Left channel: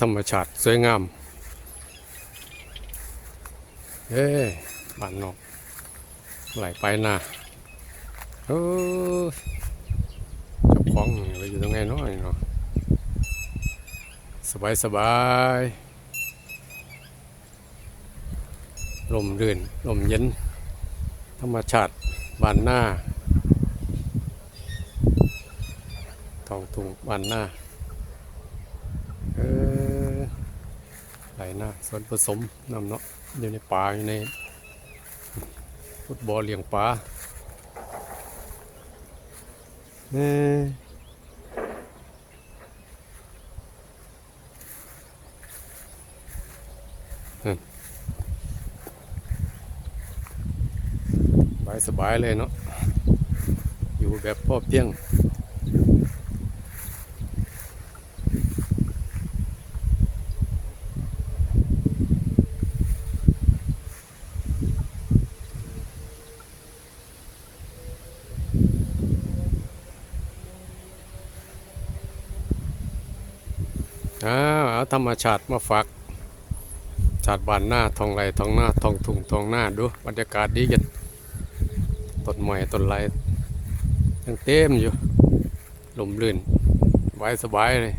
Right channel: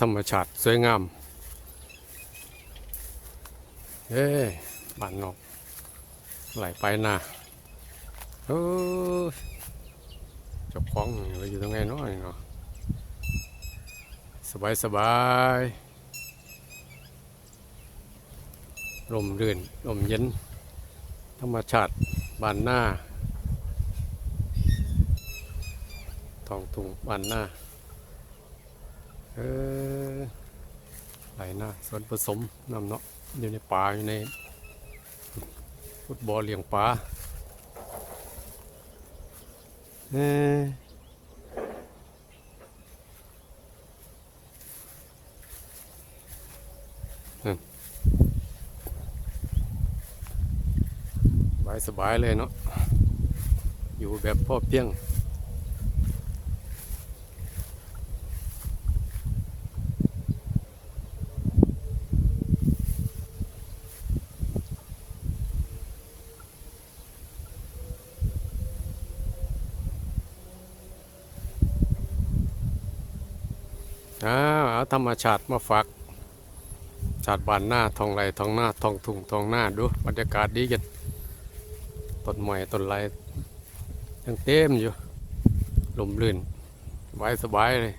ธรรมชาติสวยงาม เอ้ยบ้านนอกไหลไปนะเออจับของไปอยู่ตรงไหนน้อยเนาะสบายสบายลมรื่นลมเย็น ธรรมชาติบ้านหน้าทองทุ่งบ้านหน้า เออไหลหน้าส่วนผสมน้ำเนาะอยู่ในป่าอยู่ในฟุตบอลเลี้ยงปลาเออสบายเลยเนาะ อยู่แบบพ่อเพียง อาธรรมชาติมาฝากชาติบ้านหน้าทองไรทองหน้าทองทุ่งทองหน้าดูบรรยากาศดีกันต้นไม้ต้นไรยังเต็มอยู่ลมลื่นสบายสบายเลย